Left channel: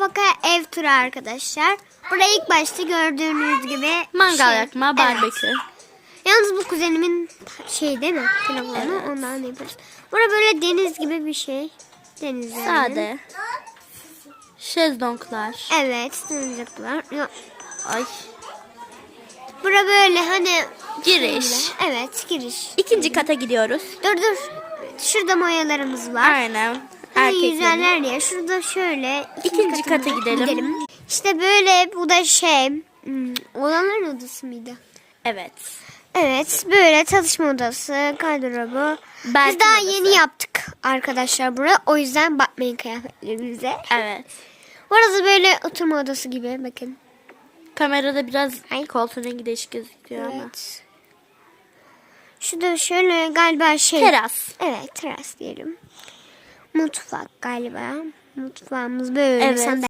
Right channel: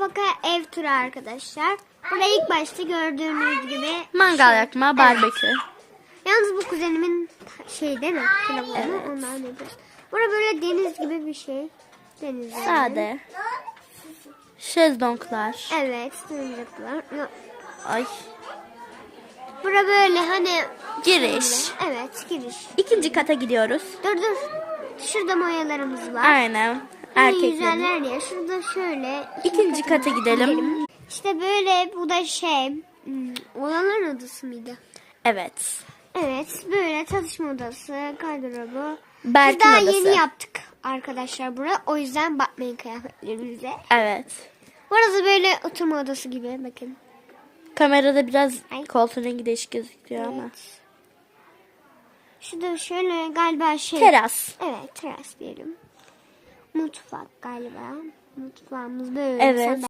Fakat ev turu arkadaşlar. Burada ilk başta gördüğünüz gibi Mangal şey- yakma, Evet. barbekü. Yalnız bu kuzenimin şey değil mi? Telefonu Evet. ondan yapıyoruz. Burada böyle deniz gibi bir şey. Deniz. Sade. Şezlonglar. Evet. Yok. Ay. Burada böyle hani Giriş. Evet, giriş. İkinci kata gidiyoruz. Dur dur. Şurada mayalarımız var. Aynen. Erkeklerin. ya. Şurada şöyle. İkinci kata gidelim. İşte böyle bu da şey. hmm, Odaların odası mıydı? Evet. Evet böyle çalışma odası, gardırobu. Berk'in Biz daha odası. yeni yaptık arkadaşlar buraya. O yüzden bakmayın kıyafetlerimize. Evet. Burası böyle oturma odası gibi bakın. Kamerada biraz Ay. koltuğun rengi değişik gözüküyor ama. Evet. Şurada şöyle galiba şey. Teras. Evet teras diyelim. Mutfak galiba. Mutfağımız böyle. Evet. sandalye